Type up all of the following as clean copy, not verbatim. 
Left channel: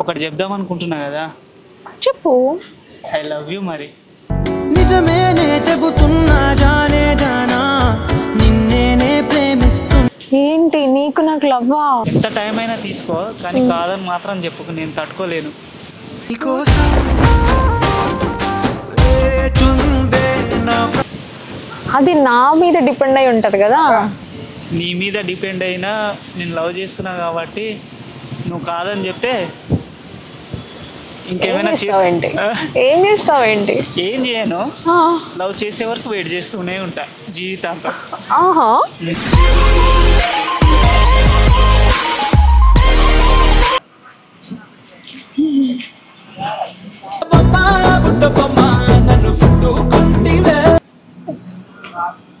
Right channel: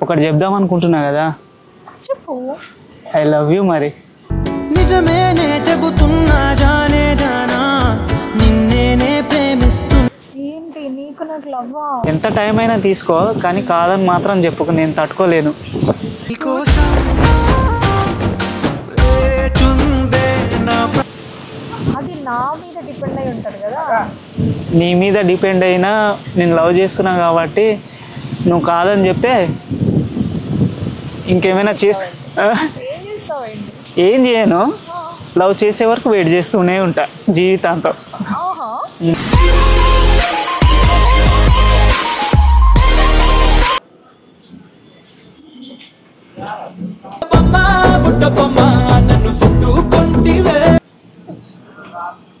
ఒకటి చెప్దాం అనుకుంటున్నా కదా. చెప్పు. ఐ లవ్ యూ మరి. నిజమేనే చెబుతున్నా జానే జానా నిన్నేనే ప్రేమిస్తున్నా. ఏంటి నీకు నాకు లవ్వా? ఎంత టైం అయినా తీసుకో, కానీ కాదని మాత్రం చెప్పుకు, నేను తట్టుకోలేను. అది నా మీద డిపెండ్ అయి ఉంటది కదా. నీ మీద డిపెండ్ అయినా నేను లవ్ చేస్తున్నా కాబట్టి నువ్వు కాదని చెప్తే ఇంకేమైనా ఏం చేస్తావేంటి? ఏం చేయను, లవ్ చేసే వరకు వెయిట్ చేస్తూనే ఉంటా జీవితాంతం.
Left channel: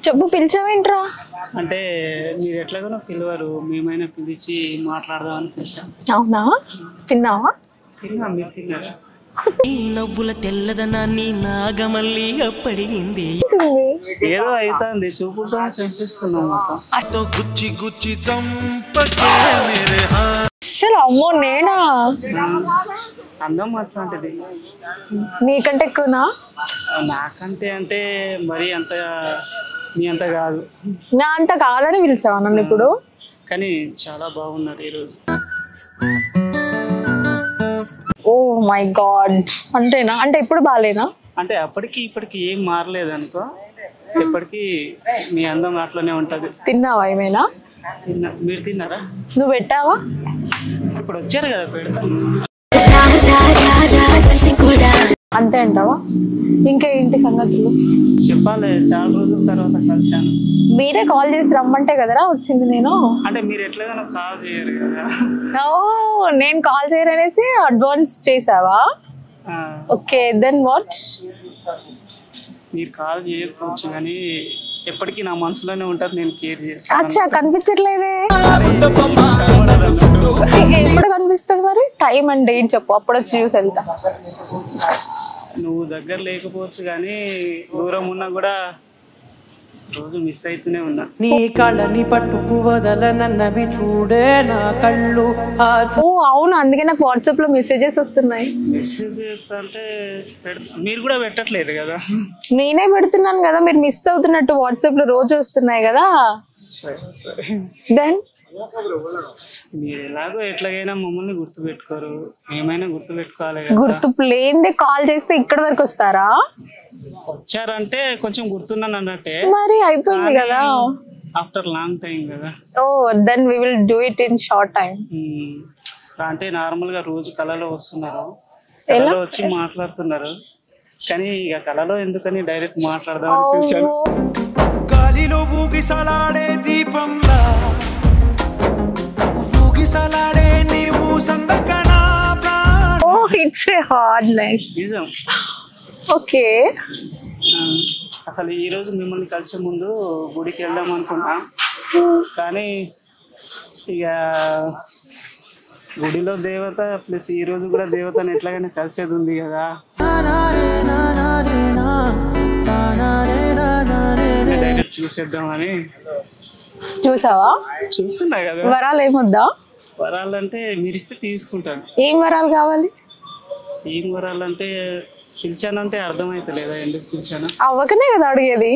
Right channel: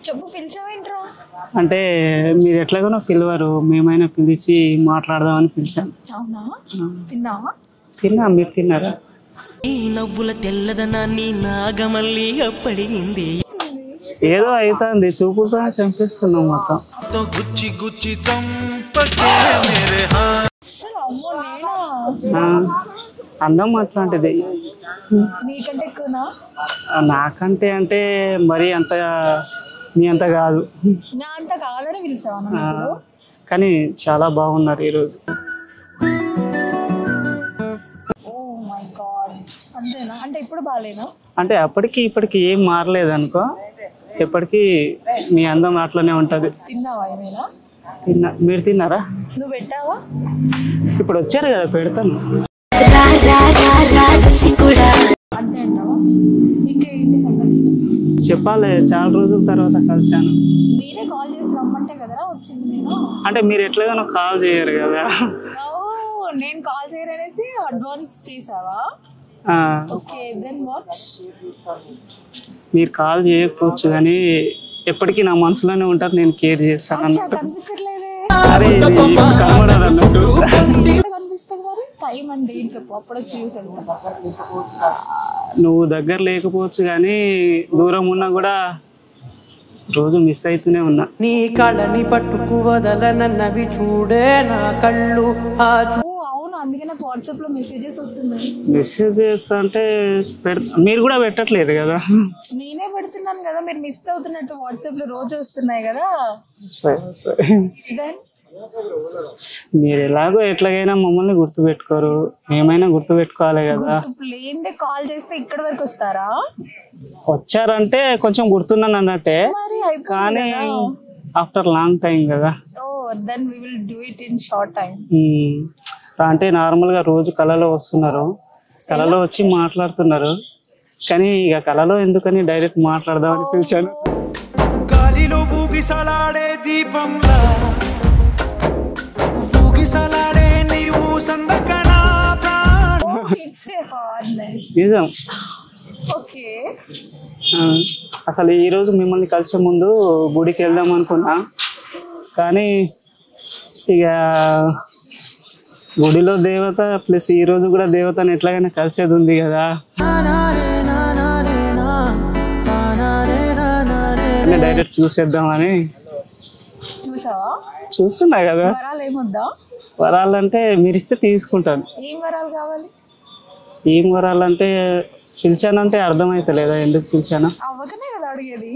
చెప్పు, పిలిచావేంట్రా? అంటే మీరు ఎట్లాగో పిలవరు, మేమైనా పిలిచి మాట్లాడదామని పిలిచాం. అవునా? తిన్నావా? తిన్నా, మీరు తిన్నారా? ఈ నవ్వుల తెల్లదనాన్ని నాగమల్లి అప్పడిగింది. ఏదో అవుతుంది, చూపుగా చంపిస్తున్నాం మొత్తం. అసలు అమ్మో నేనా? అందం అట్లాంటిది. నీకంటే ఎక్కువనా? నాకంటే అంటే మరి అంత మీ అంత కాదు. నా అంత కాదని పిలిచావా నన్ను ఇప్పుడు? కానీ చాలా బాగున్నారు ఈరోజు. ఓ మై గాడ్, అంతేనా? అంటే ఎప్పుడు బాగాలేనా? అంటే అప్పటికి ఇప్పటికి ఏం మారలేదు అనుకో, ఎప్పటికీ మీ అందం అట్లనే ఉంటది. తిన్నావా ఏమైనా? తిన్నా. మీరు తిన్నారా? నువ్వు పెట్టావా? ఇప్పుడు వచ్చారు కదా, పెడతాను. అంతే అంటావా? ఇంకా ఏంటి సంగతులు చెప్పాలి, చాలా రోజుల తర్వాత కలిసాను. మీరే కాల్ చేసి రమ్మంటే కదరా వచ్చింది నేను. అంటే మీరు ఎట్లాగైనా కాల్ చేయరు కదా. నేను కాల్ చేయరనేసి అడ్వాన్స్ చేసావా? Okay, then what? మీరు కాల్ చేయకపోవచ్చు కానీ ఎప్పటికీ నా మనసులోనే ఉంటారు, నేను కేర్ చేస్తాను. అచ్చా, కనిపించట్లేదే. ఎప్పుడు కనిపిస్తుంది మరి? టైం అండ్ డేట్ చెప్పు, అప్పుడు వచ్చి చూసి వెళ్తా. నువ్వు దగ్గర లేకపోవచ్చు కానీ దూరం ఉన్నా కూడా రోజు మిస్ అవుతూనే ఉన్నా. నీ కళ్ళని పట్టుకు వదలనన్నవి చూడే నా కళ్ళు. అవును, అందుకే నాకు వాట్సాప్ లో మెసేజెస్ వస్తున్నాయి. మెసేజెస్ అంటే మీరు కూడా పెట్టట్లేదు కదా. నేనే పెడుతున్నాను కదా, మీరు మిస్ అవుతున్నట్టు వాట్సాప్ లో రోజు వస్తున్నాయి కదా. దెన్ మీరు ఎలాగో ఎట్లాగైనా మమ్మల్ని గుర్తు పెట్టుకోరు, ఏమైనా గుర్తు పెట్టుకోవాలి కదా. గుర్తు లేదే కాల్ చేస్తే ఇక్కడ వరకు వస్తారా? వచ్చారంటే కొంచెం గుర్తున్నాను అన్నట్టే. మరి అయిపోయింది కదా, ఆఫ్టర్ లాంగ్ టైం కదా. Oh then we will do it in short time. అంటే నార్మల్ గా రోజు కళలో వస్తున్నారు, కళలో వచ్చి మాట్లాడుతున్నారు, కానీ ఇక కళలో ఎందుకని డైరెక్ట్ మాట్లాడదామని పిలిచాను. గాలిలో ఊగిసలాడే దీపంలా ఊగిసలాడే నీవు సందకనా ప్రాణం. Oh it's a hard life. నిజం. ఓకే, అసలు ఈ రోజు మిమ్మల్ని కలిసే ముందు గుడికి వెళ్దాం అనుకున్నా, కానీ ఇక గుడిలో దేవత ప్లస్ ఈ రోజు కూడా దేవతను ఎట్లాగైనా కలిసేది ఉంది కదా. డైరెక్ట్ చూసేద్దామని. చూసావా? చూస్తున్నా కదా. వరాలు ఏమొద్దా? వరాలంటే మీరు ఇస్తే తీసుకుంటాను. ఏం వరాలు కావాలి? ఏం వరాలంటే పిలిచానంటే అర్థమైతలేదా ఎందుకు పిలిచాను? అవ్వకనే కదా అడిగేది.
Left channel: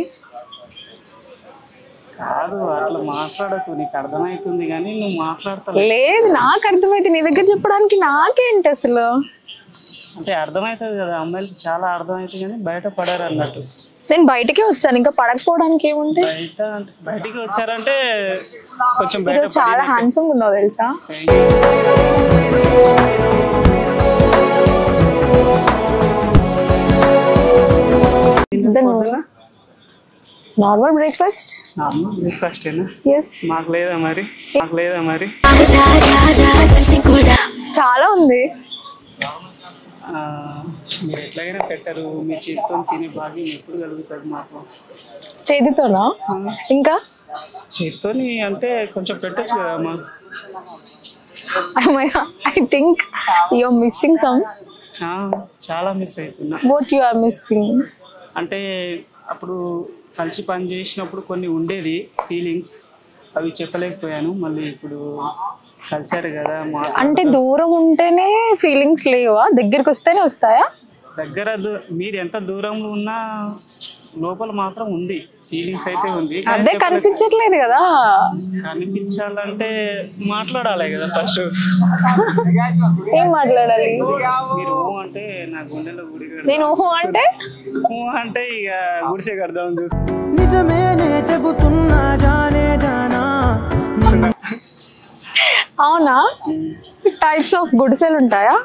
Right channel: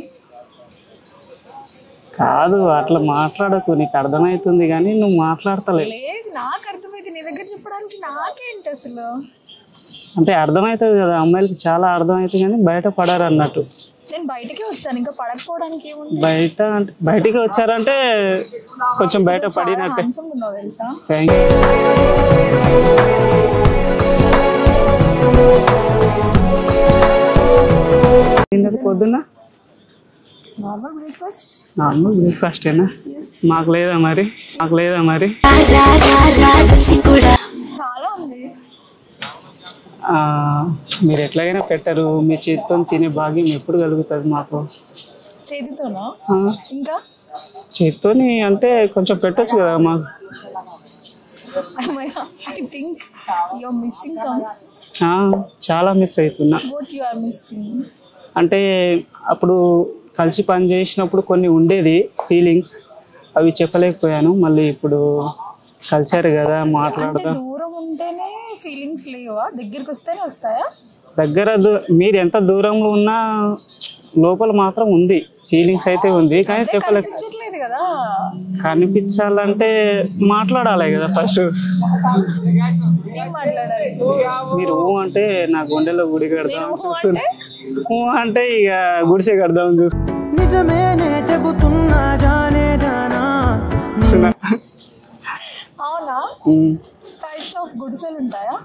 కాదు, అట్లా మాట్లాడకు, నీకు అర్థమవుతుంది కానీ నువ్వు మాట్లాడతలే. లేదు, నాకు అర్థమైతే నీ దగ్గర చెప్పడానికి నాకేంటి అసలు. అంటే అర్థమవుతుంది కదా, అమ్మాయిలకి చాలా అర్థమవుతుంది కానీ బయట పడారు అన్నట్టు. నేను బయటకే వచ్చాను, ఇంకా పడకపోవడానికి ఏముంది. బయట అంటే బయటికి వచ్చారంటే కొంచెం బయట చాలా హ్యాండ్సమ్ ఉన్నావు తెలుసా. Normal breakfast. నార్మల్ బ్రేక్ఫాస్ట్ ఏనా? మాకు లేదా మరి? మాకు లేదా మరి? చాలా ఉంది. మీరు ఎట్లాగైనా పెట్టరు, మీ చేతితో తినే భాగ్యం ఎప్పుడు కలుగుతుంది మాకు. చేతితోనా? ఇంకా చేతితోని అంటే కొంచెం పెట్టొచ్చు కదా మాకు. I think you are missing some. చాలా మిస్ అవుతున్నా. What you are missing? అంటే అప్పుడు కలిసి పని చేసినప్పుడు కొన్ని ఉండేది ఫీలింగ్స్, అవి చెప్పలేకపోయాను. మళ్ళీ ఇప్పుడు కలిసారు కదా, అంటే దూరం ఉంటేనే ఫీలింగ్స్ లేవా? దగ్గరికి వస్తేనే వస్తాయా? దగ్గర మీరు ఎంత దూరంలో ఉన్నా లోపల మాత్రం ఉంది, ఫీలింగ్స్ అయితే ఉంది. అదే కనిపించట్లేదు కదా. కనిపించాలంటే మాట్లాడాలి కదా ఫస్ట్. ఏం మాట్లాడాలి? మీరు ఊ అంటే నా గుండెలో గుడి నేను ఊహు అంటే ఊ అంటే ఇక గుడిసే కడదామని చూస్తా. నిజమేనే చెబుతున్నా జానే జానా. అవునా? టైప్స్ ఆఫ్ గుడిసెలు ఉంటాయా?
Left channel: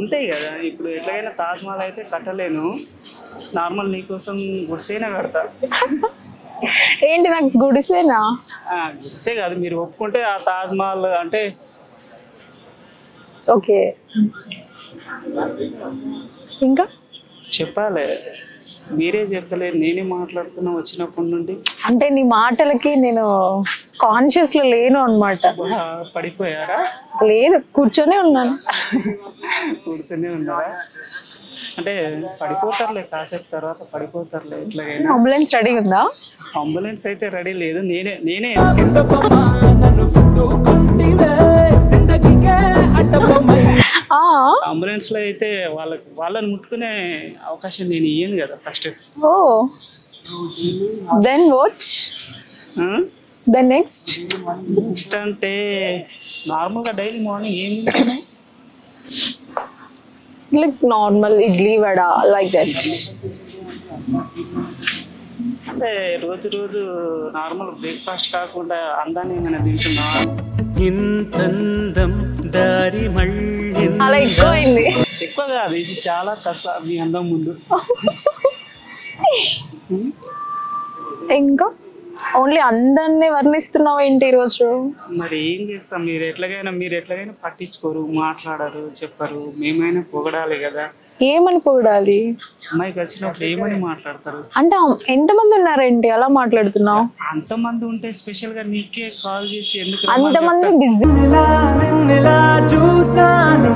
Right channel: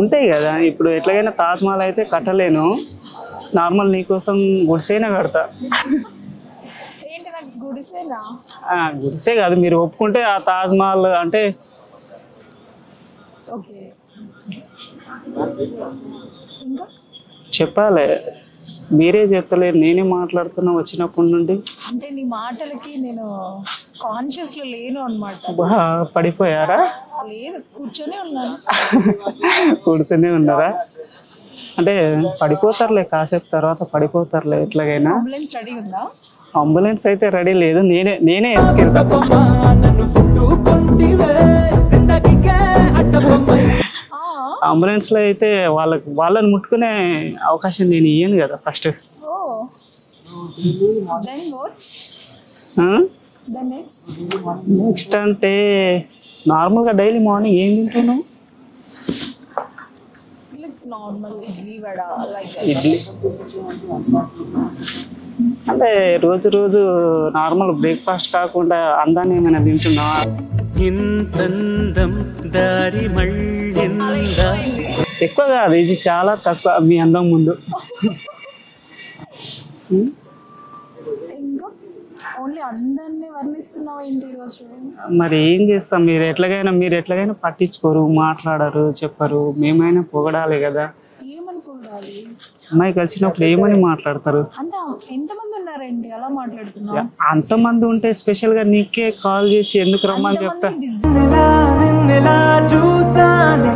ఉంటాయి కదా. ఇప్పుడు ఎట్లాగైనా తాజ్ మహల్ అయితే కట్టలేను, నార్మల్ నీకోసం గుడిసేనే కడతా. ఏంటి నాకు గుడిసేనా? గుడిసే కాదు, మీరు ఒప్పుకుంటే ఆ తాజ్ మహల్ అంటే ఓకే. ఇంకా చెప్పాలి, మీరే చెప్తలేరు, నేనే మాట్లాడుతున్నా వచ్చినప్పటి నుండి. అంటే నీ మాటలకి నేను కాన్షియస్ లో లేను అన్నమాట. పడిపోయారా? లేదు, కూర్చొనే ఉన్నాను. కూర్చొనే ఉన్నారా? అంటే పడిపోతారులే, కాసేపు తర్వాత పడిపోతారులే ఎట్లాగైనా. అంబులెన్స్ రెడీ ఉందా? అంబులెన్స్ అయితే రెడీ లేదు, నేనే అంబులెన్స్ లో అయితే వాళ్ళని ముట్టుకునే అవకాశం నేను ఇయ్యను కదా first. Oh then what? Then next అంటే నార్మల్ గా డైలీ మార్నింగ్ ఏం తింటున్నావు? Like normal idli vada like that. అంటే రోజు నార్మల్ బ్రేక్ఫాస్ట్ కాకుండా అందాన్ని ఏమైనా తింటున్నా? ఇంతందం దారి మళ్ళీ అలా ఎక్కువైంది. ఎక్కువ కాదు, ఇది చాలా తక్కువ మీ అందం ముందు. ఇంకా ఓన్లీ అందరినీ వర్ణిస్తున్నావు ఏంటి ఈరోజు? మరి ఏం చేస్తాం, మీరు ఎట్లాగైనా పట్టించుకోరు, మాట్లాడరు, చెప్పరు. మేమైనా పొగడాలి కదా. ఏమని పొగడాలి? అమ్మాయి కలిసినప్పుడు ఏమని మాట్లాడతారు? అంటే ఎంతమంది ఉన్నారేంటి అలా మాట్లాడుతున్నావు? అంతమంది ఉంటే స్పెషల్ గా నీకే కాల్ చేసి ఎందుకు రమ్మని అంతమంది చెప్తా? బిజీ. నిన్నెలా చూసానే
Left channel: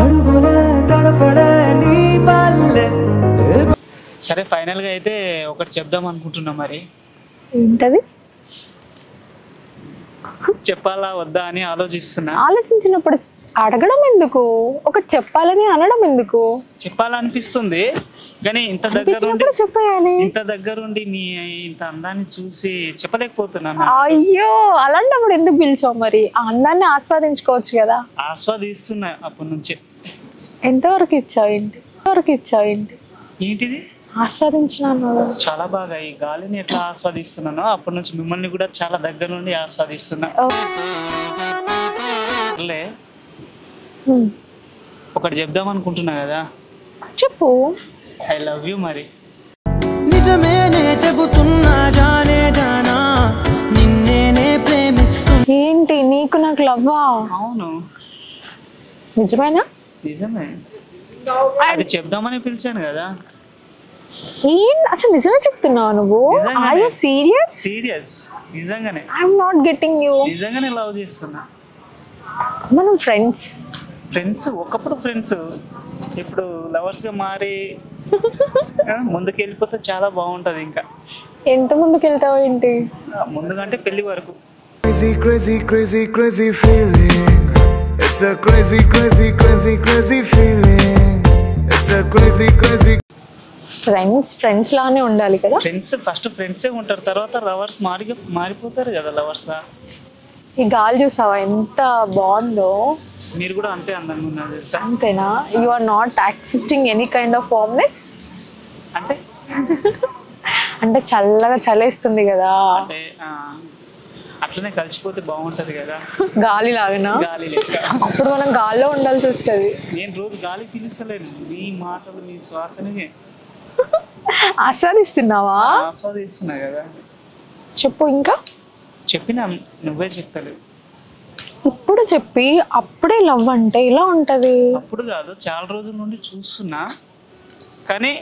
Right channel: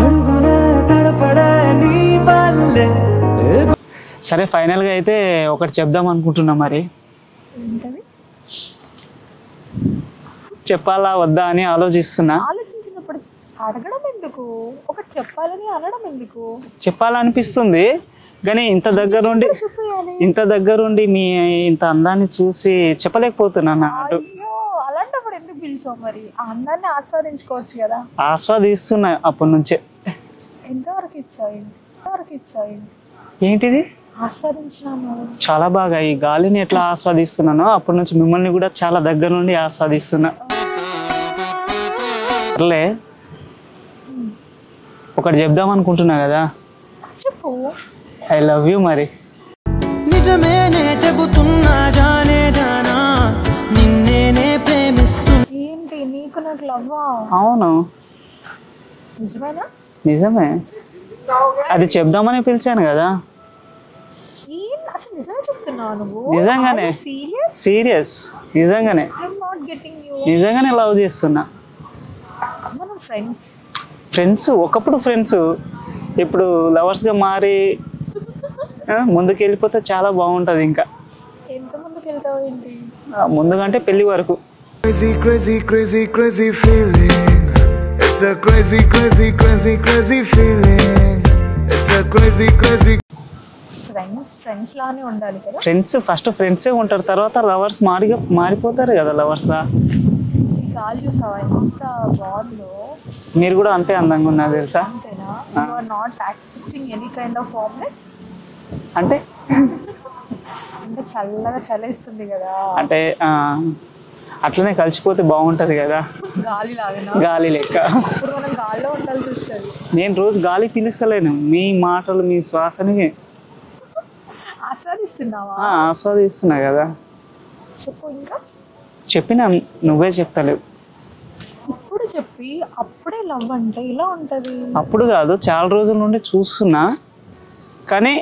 అడుగులే తడపడే నీ పల్లె. సరే, ఫైనల్ గా అయితే ఒకటి చెప్దాం అనుకుంటున్నా. మరి ఏంటది? చెప్పాలా వద్దా అని ఆలోచిస్తున్నా. ఆలోచించినప్పుడు అడగడం ఎందుకు? ఒకటి చెప్పాలని అనడం ఎందుకు? చెప్పాలనిపిస్తుంది కానీ ఇంత దగ్గరుండి మీ ఇంత అందాన్ని చూసి చెప్పలేకపోతున్నాను. అయ్యో, అలాంటప్పుడు ఎందుకు పిలిచావు? మరి ఆ అందాన్ని ఆస్వాదించుకోవచ్చు కదా. ఆస్వాదిస్తున్నా అప్పటి నుంచే. ఎంతవరకు ఇచ్చావేంటి? ఏంటిది ఆస్వాదించినాను చాలా బాగా. ఈ గాలిని ఎట్లా ఆస్వాదిస్తున్నానో అప్పటి నుంచి మిమ్మల్ని కూడా చాలా దగ్గర నుండి ఆస్వాదిస్తున్నా. సర్లే, ఒకటి చెప్దాం అనుకుంటున్నా కదా. చెప్పు. I love you. మరి నిజమేనే చెబుతున్నా జానే జానా, నిన్నేనే ప్రేమిస్తున్నా. ఏంటి నీకు నాకు లవ్వా? అవును, నిజమేనా? నిజమే. అది చెప్దామని పిలిచాను కదా. అసలు నిజమే చెప్తున్నావు నువ్వు? సీరియస్ నిజంగానే. I'm not getting you. నిజంగానే లవ్ చేస్తున్నా. మనం ఫ్రెండ్స్. ఒకప్పుడు ఫ్రెండ్స్, ఇప్పుడు లవర్స్ గా మారి ముందుకు వెళ్ళిపోతే చాలా బాగుంటది. ఇంకా ఎంత ముందుకు వెళ్తావు ఏంటి? ముందుకంటే పెళ్లి వరకు. Crazy, crazy, crazy, crazy feeling. It's a crazy, crazy, crazy, crazy feeling. It's a crazy, crazy. Friends లానే ఉండాలి కదా. ఫస్ట్ ఫ్రెండ్సే ఉంటారు, తర్వాత లవర్స్ మారిపోతారు కదా లవర్స్ గా. ఈ గాలి చూసావా ఎంత బాగుందో? మీరు కూడా అంతే అందంగా ఉన్నారు తెలుసా. అంతేనా? You are not accepting any kind of warmness. అంటే చల్లగా చలేస్తుంది కదా. అంటే అట్లనే కలిసిపోతే బాగుంటది కదా. గాలి లాగా, గాలి లెక్క. అప్పుడు మనం గాలిలో ఉండాల్సి వస్తుంది. నేను రోజు గాలి పీలుస్తలేను, మీ మాటలు మీ శ్వాసని ఆస్వాదిస్తున్నావా? ఆస్వాదిస్తున్నా కదా. చెప్పు. ఇంకా చెప్పినా నువ్వే చెప్తలేవు. ఇప్పుడు చెప్పి అప్పుడే లవ్ అంటే ఇలా ఉంటది. అప్పుడు కాదు, చాలా రోజుల నుండి చూస్తున్నా, కానీ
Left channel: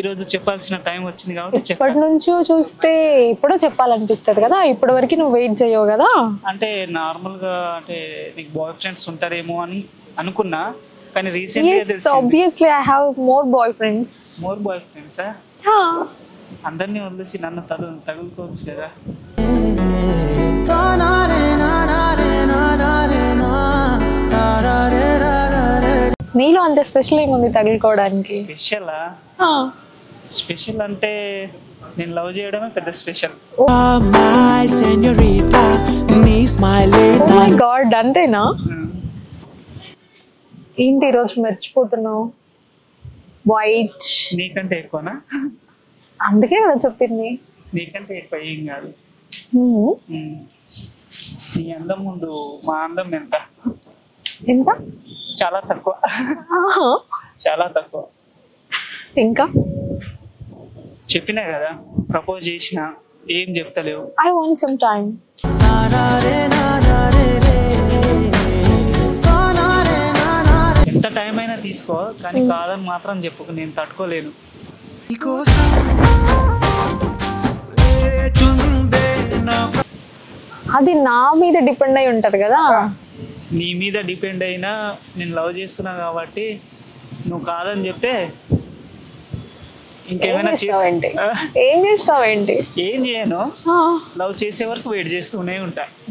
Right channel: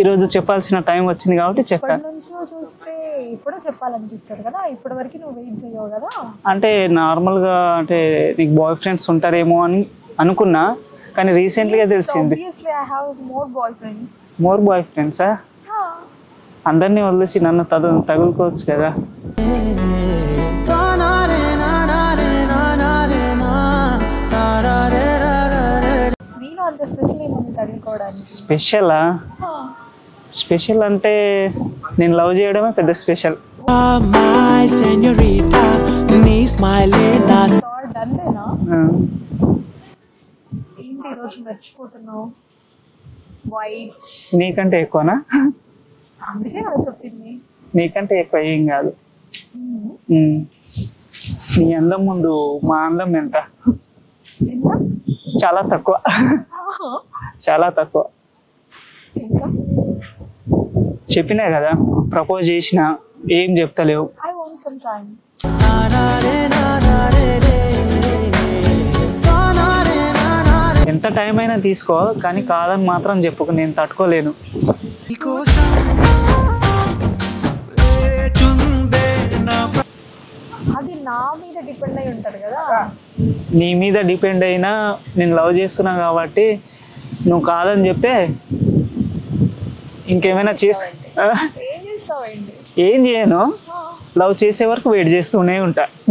ఈరోజు చెప్పాల్సిన టైం వచ్చింది కాబట్టి ఇప్పటి నుంచి చూస్తే ఇప్పుడు చెప్పాలనిపిస్తుంది కదా. ఇప్పటి వరకు నువ్వు వెయిట్ చేయవు కదా. అంటే నార్మల్ గా అంటే నీకు బాయ్ ఫ్రెండ్స్ ఉంటారేమో అని అనుకున్నా, కానీ రీసెంట్ గా తెలిసింది. Obviously I have more boyfriends. More boy ఫ్రెండ్సా? అందరినీ వదిలేసి నన్ను తగులుకోవచ్చు కదా. తానారే నానారే నానారే నా తారారే రారారే నీలో అంత స్పెషల్ ఏముంది తగులుకోవడానికి? స్పెషలా? స్పెషల్ అంటే నేను లవ్ చేయడమే పెద్ద స్పెషల్. గాడ్ అంతేనా? ఏంటి ఈరోజు మర్చిపోతున్నావు? వైట్ నీకంటే ఎక్కువనా? అందుకే కదా చెప్పింది. నీకంటే ఎక్కువ ఏం కాదు. నీ అందం ముందు మా అందం ఎంత? ఎంత? చాలా తక్కువ. చాలా తక్కువ. ఇంకా చెప్పినా కదా, ప్రపోజ్ చేసిన ఏం చెప్తలేవు. I want some time. ఎంత టైం అయినా తీసుకో, కానీ కాదని మాత్రం చెప్పుకు, నేను తట్టుకోలేను. అది నా మీద డిపెండ్ అయి ఉంటది కదా. నీ మీద డిపెండ్ అయినా నేను లవ్ చేస్తున్నా కాబట్టి నువ్వు కాదని చెప్తే ఇంకేమైనా ఏం చేస్తావేంటి? ఏం చేయను, లవ్ చేసే వరకు వెయిట్ చేస్తూనే ఉంటా.